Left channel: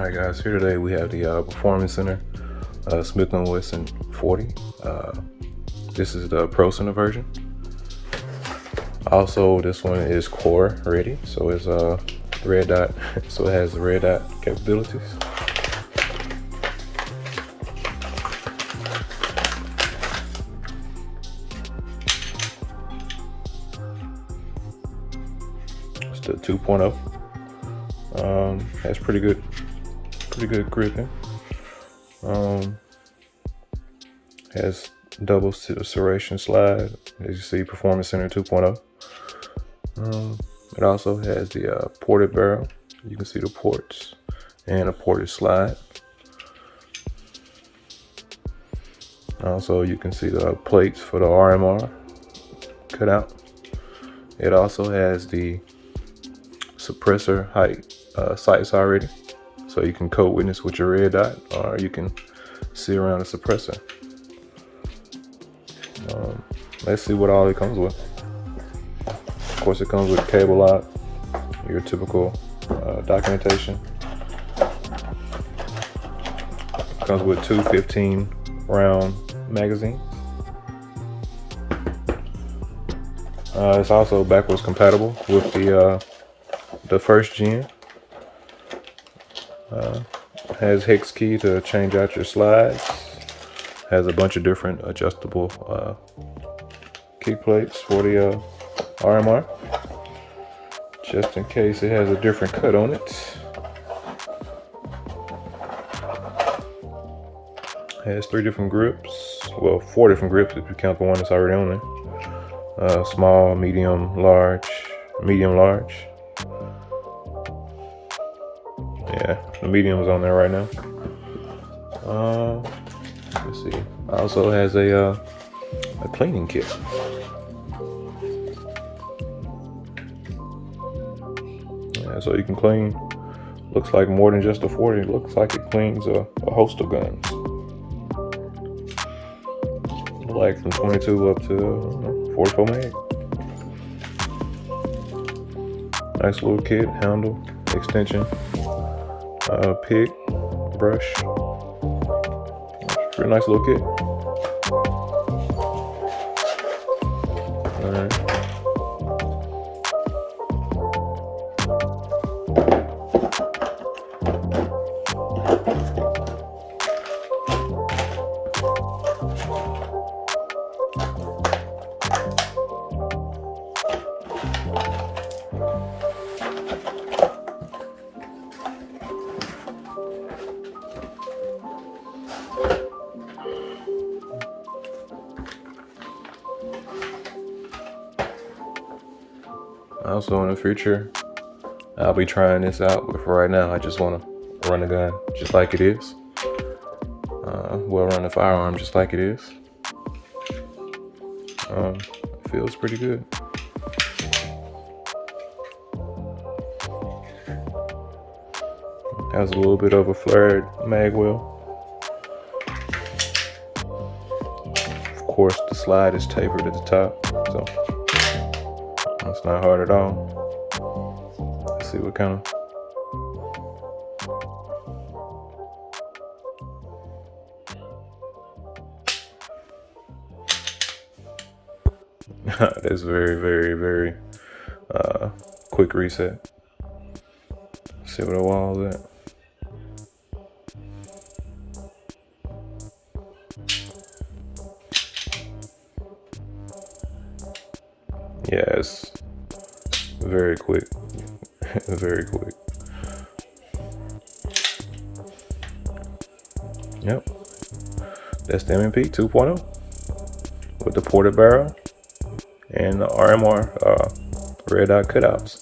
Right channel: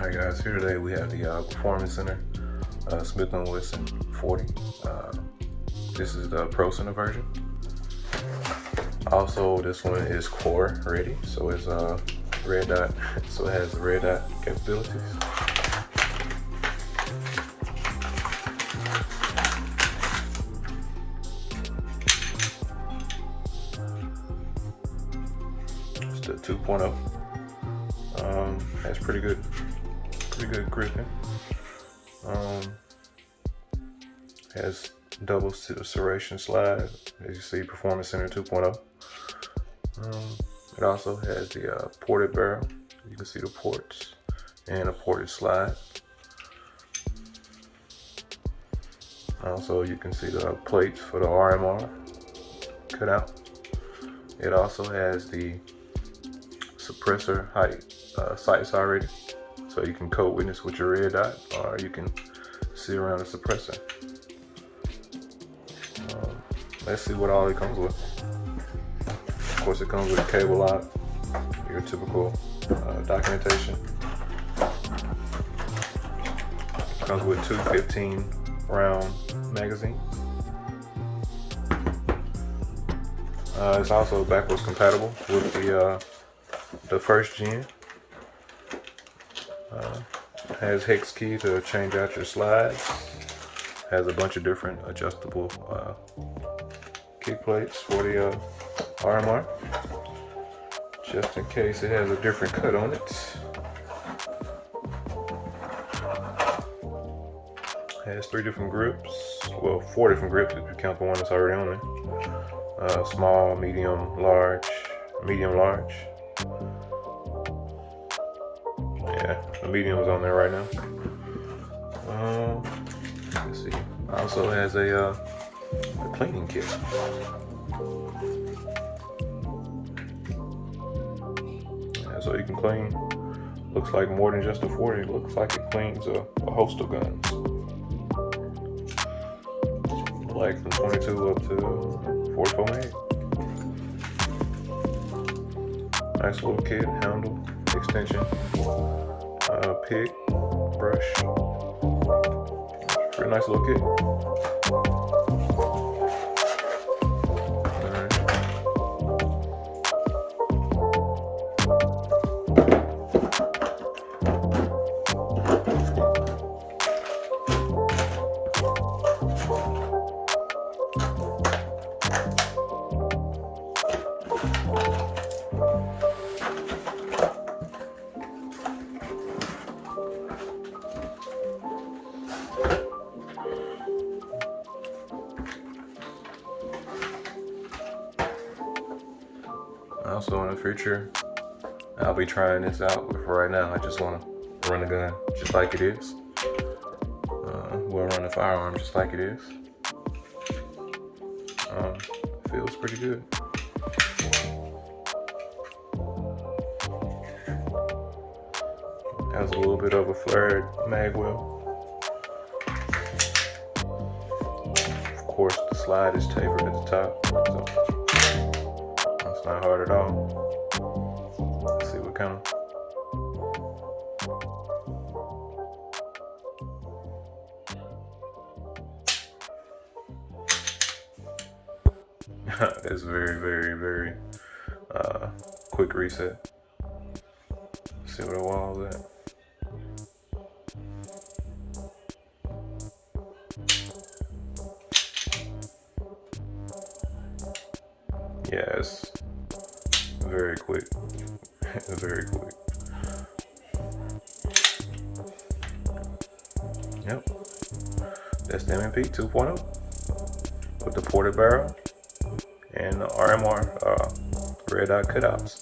Alright guys, here today we have the Performance Center Smith and Wesson 40. This is the Pro Center version. Also, this one is C.O.R.E ready, so it's red dot, so it has red dot capabilities. It's the 2.0. Has pretty good gripping. Has double serration slide, as you see, Performance Center 2.0. It also has the ported barrel. You can see the ports and a ported slide. Also, you can see the plates for the RMR cut out. It also has the suppressor height sights already, so you can code witness with your red dot, or you can see around the suppressor. Let's see what all it comes with. Of course, it comes with a cable lock, your typical documentation. It comes with two 15-round magazines. It's also backwards compatible with the first gen. Has hex key to change out your slides. Has a bunch of different adjustable key plates for the RMR, just in case it has a different cut on it. Has 3 different grips, well 4 different grips if you count the one that's already on there. Small, medium, large, medium, large. Yeah, the medium is on there right now. Let's see. Also has a cleaning kit. Yeah, so you can clean. Looks like more than just a 40. It looks like it cleans a host of guns. Like from 22 up to 44 mag. Nice little kit, handle, extension, pick, brush. Pretty nice little kit. Also, in the future, I'll be trying this out, but for right now, I just want to run the gun just like it is. Well, run the firearm just like it is. It feels pretty good. Has a little bit of a flared mag well. Of course, the slide is tapered at the top, so it's not hard at all. Let's see what kind of. That's very quick reset. See where the wall is at. Yeah, it's very quick. Very quick. Yep. That's the M&P 2.0 with the ported barrel and the RMR red dot cutouts.